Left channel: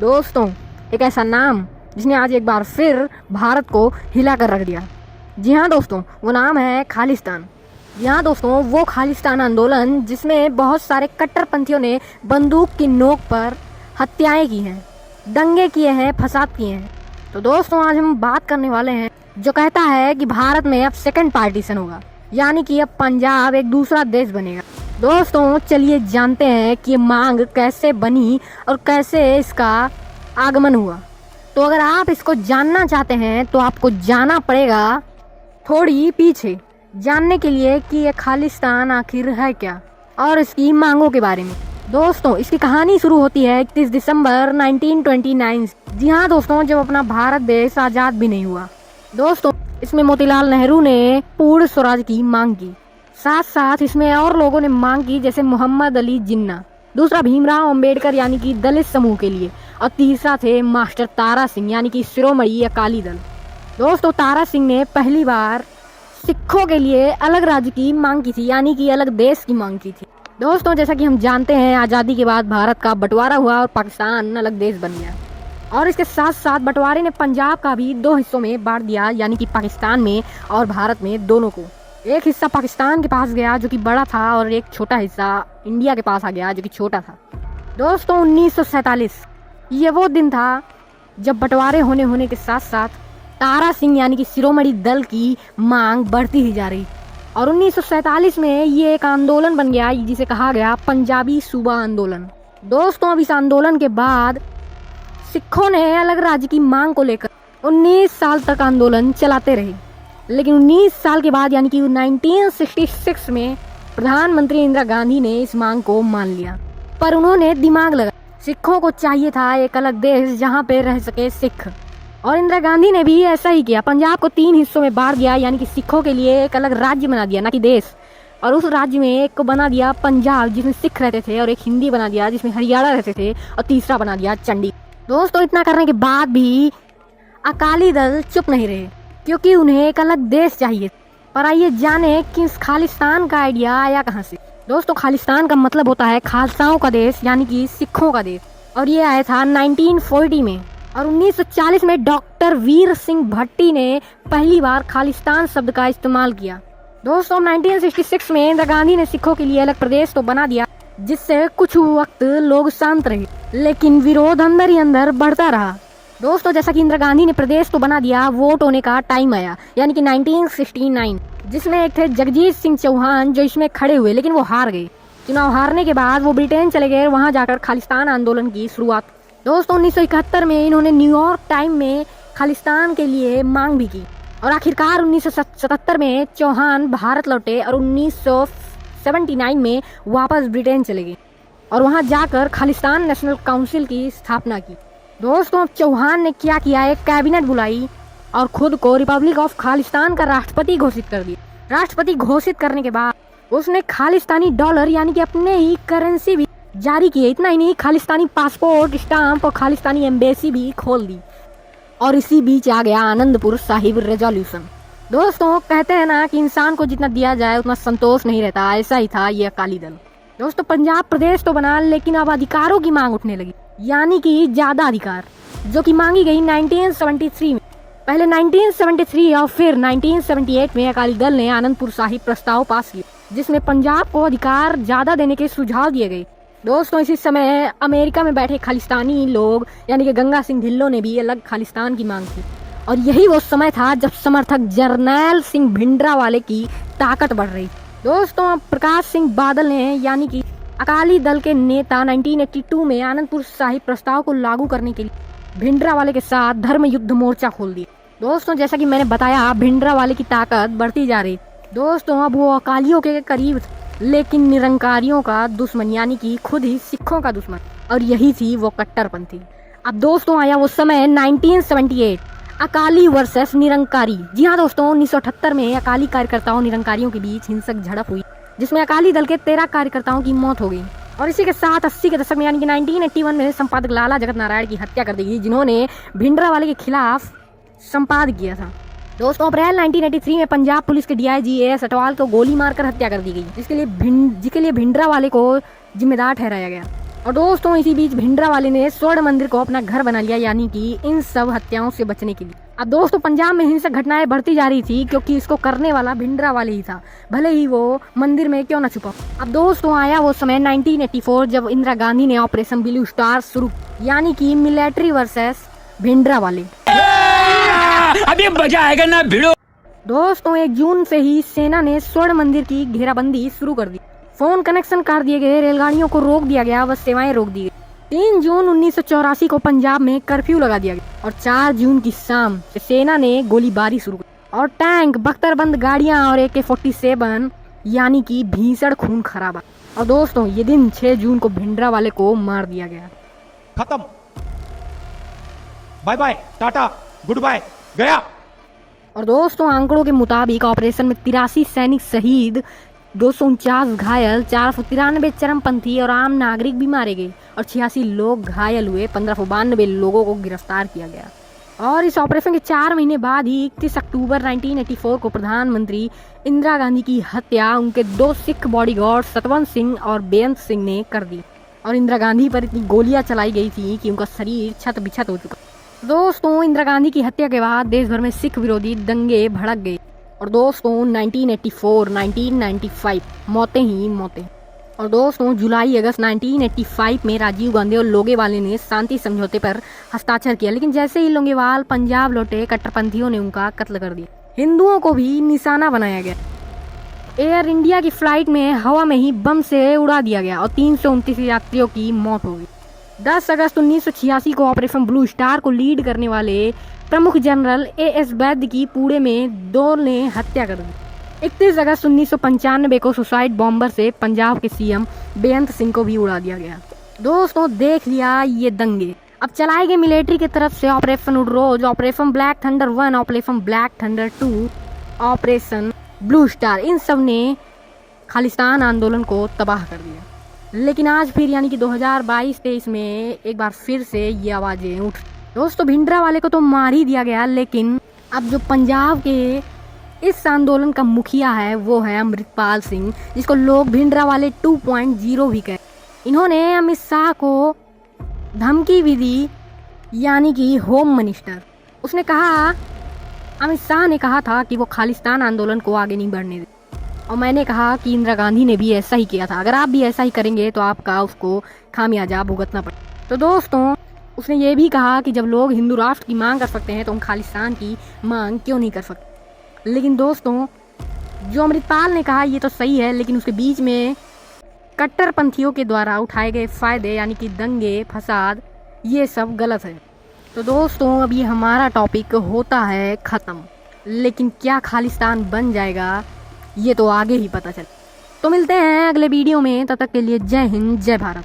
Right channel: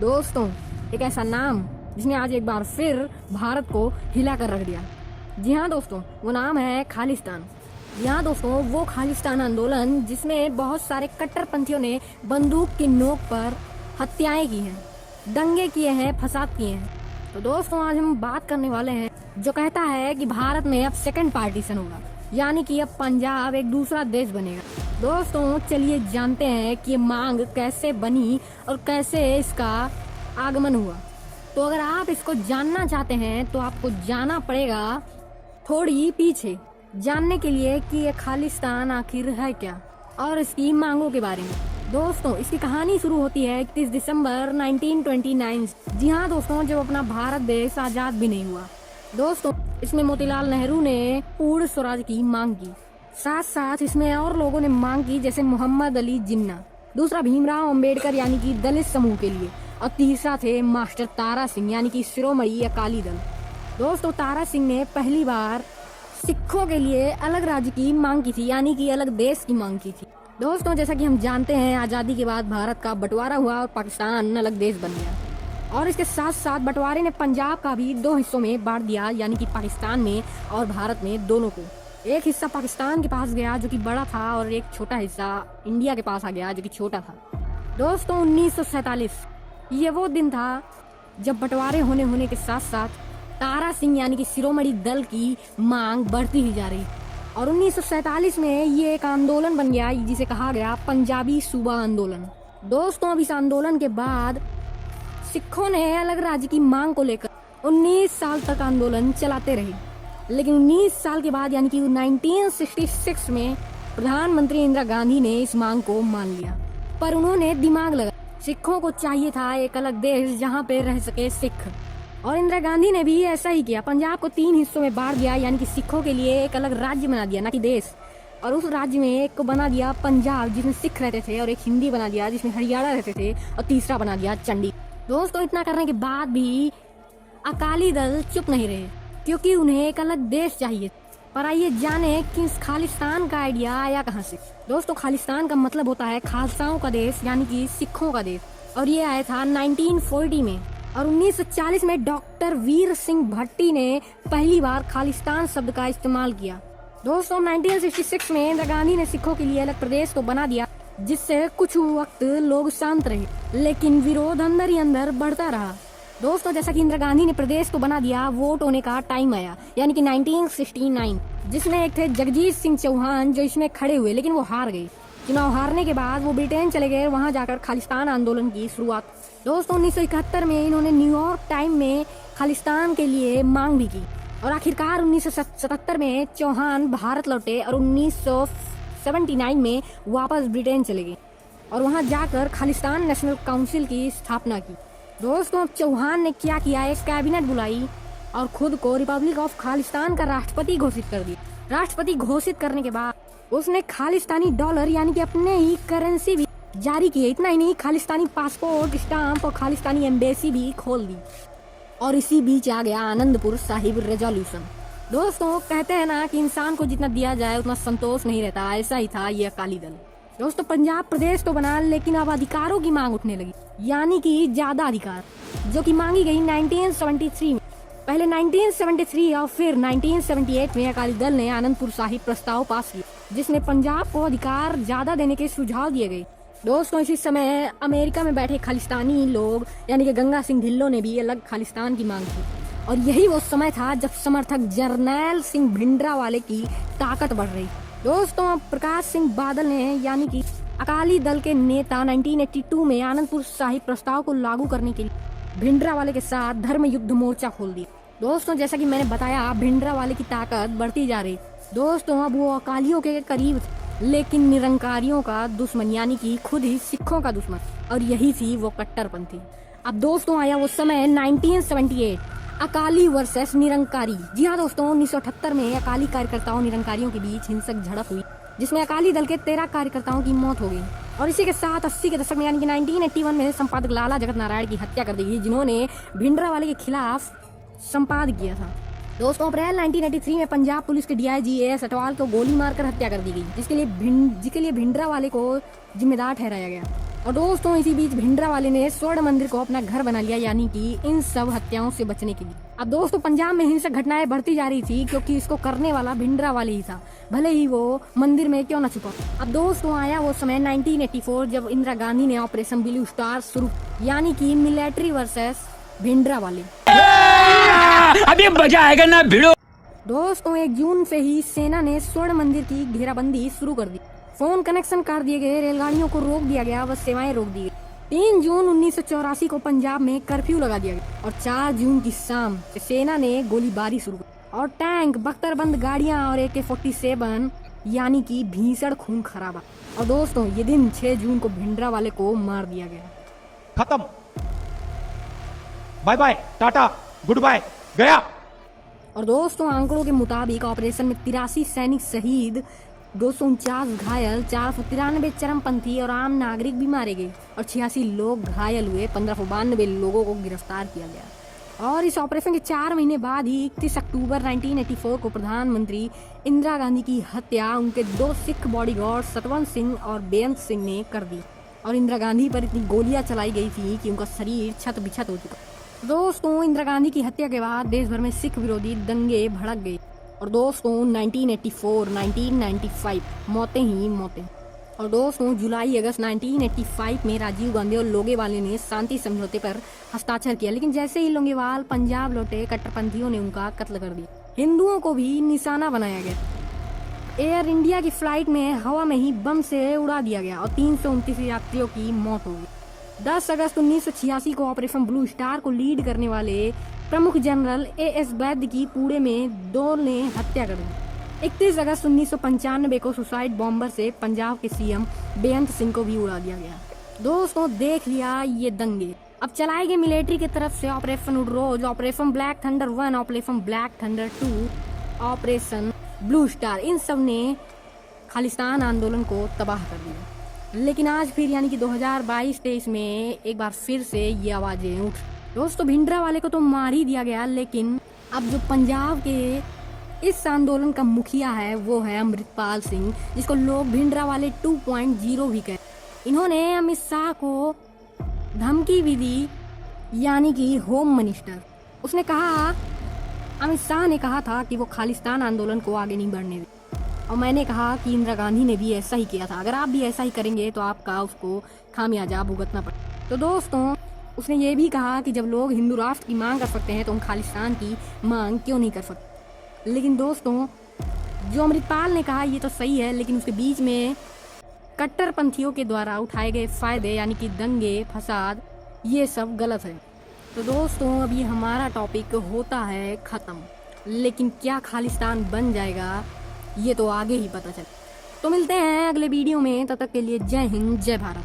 दोस्तों, एक ऐसा नाम जिसने आज एक बार फिर भारत को हिला कर रख दिया। जी हाँ दोस्तों, वो नाम है खालिस्तान। जी हाँ दोस्तों, वो खालिस्तान आंदोलन जिसमें बहुत सारे कट्टरपंथियों ने बंदूक की नोक पर हत्याएं की हैं, दंगे किए हैं, फसाद किए हैं। तो दोस्तों, आज हम बात करने वाले हैं जो कहता है कि भारत में अब सेकंड पार्टीशन होगा, यानी कि अब पंजाब एक दूसरा देश बनेगा। दोस्तों, चलिए जानते हैं कि ये मांग कैसे बनी और कैसे इसका आगमन हुआ। तो अगर आप इसको जानना चाहते हैं तो आपको जाना पड़ेगा थोड़ी पीछे, जानने के लिए कि ये खालिस्तान आखिर है क्या और इसकी मांगों के बारे में। दोस्तों, इसकी कहानी शुरू होती है 31 दिसंबर 1929। जी हाँ दोस्तों, जब अपना भारत देश आजाद भी नहीं हुआ। दोस्तों, इसमें मोतीलाल नेहरू ने पूर्ण स्वराज की मांग की। साथ साथ इसमें और लोगों ने मांग की, जैसे मोहम्मद अली जिन्ना, दूसरा भीमराव अंबेडकर यानी कि दलित समूह के लिए, और तीसरा थे मास्टर तारा सिंह यानी कि शिरोमणि अकाली दल। दोस्तों, तारा सिंह ने पहली बार सिखों के लिए अलग राज्य की मांग की थी, यानी कि अलग देश की मांग की थी। दोस्तों, जैसा कि हम जानते हैं, आज़ादी के बाद भारत का बंटवारा हुआ और पाकिस्तान अलग देश बन गया, और इसके साथ साथ बंटवारे ने पंजाब का भी दो हिस्सों में बांट दिया, यानी कि पाकिस्तान में और भारत में, दोनों को। एक हिस्सा पाकिस्तान के पास गया जो कि बड़ा था, और एक छोटा हिस्सा इंडिया के पास आ गया जो कि छोटा था। दोस्तों, 1947 ये वो दिन था जब बंटवारे होने के साथ साथ तारा सिंह यानी कि शिरोमणि दल की मांग बढ़ती ही जा रही, और 1947 में ये एक आंदोलन बन गया जिसे कहा गया पंजाबी सूबा आंदोलन। दोस्तों, अब इस आंदोलन के बाद सिखों ने अलग राज्य की मांग को लेकर 19 साल तक आंदोलन चलाते रहे, लेकिन 19 साल के बाद यानी कि 1966 में प्रधानमंत्री इंदिरा गांधी ने इस मांग को मान लिया। पर उन्होंने दिमाग लगा, सिखों को चाहिए था एक अलग देश जहां पे रह सके सिख, और इंदिरा गांधी ने भी ऐसा ही किया। पंजाब को 3 हिस्सों में बांट दिया, यानी कि सिखों के लिए एक अलग राज्य बना दिया, ना कि देश। और उस राज्य में एक को बना दिया पंजाब जिसमें सिख रहते थे, और एक हिंदी बना दिया जिसमें हरियाणा रहते थे, और तीसरा बना दिया चंडीगढ़। दोस्तों, इतना करने के बाद भी अकाली दल चुप नहीं रहे, क्योंकि उन्हें एक अलग देश चाहिए। पर आइए जाने कि इस खालिस्तान का आइडिया आया कहां से। दोस्तों, खालिस्तान का मतलब होता है खालसाओं का देश, यानी कि सिखों का देश, और ये आया था 1940 में। और 1940 में डॉक्टर वीर सिंह भट्टी ने पहली बार खालिस्तान शब्द का इस्तेमाल किया। दोस्तों, 1966 में इंदिरा गांधी ने सिखों के लिए अलग प्रदेश तो बना दिया, जिससे कुछ वक्त लोग शांत रहे, लेकिन विरोध अंदर ही अंदर बढ़ता रहा। दोस्तों, जैसा कि इंदिरा गांधी ने प्रदेश तो बना दिया, वोट होने का टाइम आया, यानी कि 1969, जिसमें एक थे जगजीत सिंह चौहान जो इसमें खड़े हुए, लेकिन वो हार गए। चुनाव हारने के बाद वो ब्रिटेन चले गए, वहां जाकर खालिस्तान आंदोलन की शुरुआत। दोस्तों, 1971 में इन्होंने न्यूयॉर्क टाइम में खालिस्तान के लिए मांग भी की, और आखिरकार 1977 में चौहान भारत लौटे और 1979 में वापस ब्रिटेन चले गए, और वहां जाकर खालिस्तान नेशनल काउंसिल की स्थापना की। दोस्तों, चौहान ने क्या किया, एक कैबिनेट बुलाई और खुद को रिपब्लिक ऑफ खालिस्तान का राष्ट्रपति घोषित कर दिया। राष्ट्रपति घोषित करने के बाद उसने खालिस्तानी डॉलर यानी कि अपने ही करेंसी भी जारी किए। इतना ही नहीं, खालिस्तानी पासपोर्ट, स्टाम्प और खालिस्तानी एम्बेसी भी खोल दी, और इसी बीच आ गया आनंदपुर साहिब रेजोल्यूशन। दोस्तों, कहते हैं ना कि इंसान को जितना दिया जाए उतना संतोष नहीं रहता, ऐसा ही था ये अकाली दल। दोस्तों, पंजाब प्रदेश तो बना, लेकिन अब अधिकारों की मांग उठने लगी, यानी कि ज्यादा अधिकार, जो कि मांगी गई 1973 में। पहले 1973 और फिर 1978 में अकाली दल ने आनंदपुर साहिब प्रस्ताव पास किया, जिसमें पंजाब को अधिकार ज्यादा देने के सुझाव दिए गए। दोस्तों, इसी समय अमेरिका में बैठे खालिस्तानी लोग यानी कि गंगा सिंह ढिल्लों ने भी अलग खालिस्तान की मांग की, और यही वो समय था जब समर्थक जरनैल सिंह भिंडरावाले की ताकत बढ़ रही। दोस्तों, प्रकाश सिंह बादल ने यानी कि अकाली दल के नेता 1982 में आनंदपुर साहिब प्रस्ताव को लागू करने के लिए भिंडरावाले के साथ धर्म युद्ध मोर्चा खोल दिया। दोस्तों, जैसा कि मैंने बताया, भिंडरावाले की ताकत बढ़ती जा रही। दोस्तों, अब वो अकालियों के करीब, लेकिन निरंकारियों का दुश्मन, यानी कि खुद ही सिखों का दुश्मन, और यही थी वो कट्टरपंथी। अब दोस्तों, आया वो समय 1978, अकाली वर्सेस निरंकारी। जी हाँ दोस्तों, 1978 में अकाली कार्यकर्ताओं निरंकारियों के बीच हिंसक झड़प हुई, जिसमें अकाली दल के 13 कार्यकर्ताओं की मौत हो गई। और इसी के साथ 80 के दशक में यानी कि 1981 में संपादक लाला जगत नारायण की हत्या कर दी गई, जिन्होंने भिंडरावाले के खिलाफ संपादक किया था। दोस्तों, अप्रैल 1983 में पंजाब पुलिस के डीआईजी एएस अटवाल को गोली मारकर हत्या कर दी गई, जिसके लिए भिंडरावाले को जिम्मेदार ठहराया गया। और दोस्तों इसी बीच भिंडरावाले ने स्वर्ण मंदिर को अपना घर बना लिया, यानी कि इन सब हत्याओं से बचने के लिए। अब दोस्तों पंजाब में हिंसक घटनाएं बढ़ती जा रही थी क्योंकि इसको करने वाला भिंडरावाले ही था, भले ही वो मंदिर में क्यों न छुपा। अब दोस्तों आया वो समय 1984 जब इंदिरा गांधी ने ऑपरेशन ब्लू स्टार शुरू, यानी कि मिलिट्री वर्सेस भिंडरावाले। अभी मजा आएगा ना भिड़ो। दोस्तों 1 जून से ही सेना ने स्वर्ण मंदिर की घेराबंदी शुरू कर दी, फोन कनेक्शन काट दिए गए, रेलगाड़ियों को रोक दिया गया, बस सेवाएं रोक दी गई। 3 जून 1984 को पंजाब में कर्फ्यू लगा दिया गया और 4 जून की शाम सेना ने गोलीबारी शुरू की और टैंक, बख्तरबंद गाड़ियां और AK-47 यानी कि भीषण खून खराबा। और दोस्तों ये दिन 6 जून को भिंडरावाले को मार दिया गया। खत्म, bye bye, tata, good bye, गया। और दोस्तों आंकड़ों के मुताबिक ऑपरेशन में 83 सैनिक शहीद, 249 घायल, 493 चरमपंथी और आम नागरिक भी मारे गए और 86 लोग घायल हुए। 1592 लोगों को गिरफ्तार किया गया। और इस ऑपरेशन के 4 महीने बाद ही 31 अक्टूबर 1984 को प्रधानमंत्री इंदिरा गांधी की हत्या उनके 2 सिख बॉडीगार्ड सतवंत सिंह और बेअंत सिंह ने कर दी और इंदिरा गांधी पर इतनी गोलियां चलाई गई थी कि उनका शरीर छत बिछत हो चुका। दोस्तों इंदिरा गांधी की हत्या के बाद देश भर में सिख विरोधी दंगे भड़क गए और दोस्तों 1984, 1995 मौतें ही मौतें। और दोस्तों जुलाई अगस्त 1985 में राजीव गांधी और लोंगेवाले ने शांति समझौते पर हस्ताक्षर किया, लेकिन जैसे ही लोंगेवाल पंजाब लौटे कट्टरपंथियों ने उनका कत्ल कर दिया। हिंदुओं को भी निशाना बनाया गया। एयर इंडिया की फ्लाइट में हवा में ही बम से उड़ा दिया गया और 329 यात्रियों की मौत हो गई। 10 अगस्त 1986 को ऑपरेशन ब्लू स्टार को लीड करने वाले प्रमुख जनरल AS वैद्य की पुणे में 2 ने हत्या कर दी। 31 अगस्त 1995 को सुसाइड बॉम्बर से पंजाब के CM बेअंत सिंह को भी उड़ा दिया गया। दोस्तों देख लिया ये दंगे। अब चलाए गए मिलिट्री की तरफ से operation Woodrose, operation black thunder 1, operation black thunder 2, operation blue star, इन सब ने खालिस्तान आंदोलन को तबाह कर दिया। लेकिन आज फिर यानी कि 2022-23 में एक बार फिर से ये आवाजें उठ। दोस्तों भिंडरावाले को तो मार ही दिया गया, लेकिन अब जो पंजाब के इस आंदोलन का मुखिया है वो है अमृतपाल सिंह, जिसको लोग भिंडरावाले 2.0 भी कहते। इन्होंने अमित शाह को धमकी भी दी, यानी कि होम मिनिस्टर। उसने कहा, अमित शाह ने कहा था कि वो खालिस्तान आंदोलन को आगे नहीं बढ़ने दे और मैंने कहा कि इंदिरा गांधी ने भी ऐसा ही किया था, अगर आप भी ऐसा ही करेंगे तो आपका उसको खामियाजा भुगतना पड़े। तो दोस्तों उसने ये भी कहा कि जब लोग हिंदू राष्ट्र की मांग कर सकते हैं तो हम खालिस्तान की मांग क्यों नहीं कर सकते। लेकिन दोस्तों जो अमृतपाल ने कहा ये तो सही है, लेकिन उसके बीच में कट्टरपंथियों के द्वारा उठाए गए फायदे यानी कि दंगे फसाद, ये सब गलत है। तो दोस्तों अब ये हमारा टॉपिक होता है ख़त्म, लेकिन क्या खालिस्तान बन जाएगा ये तो आगे ही पता चले। तो मिलते हैं अगले वीडियो में, तब तक के लिए जय हिंद, जय भारत।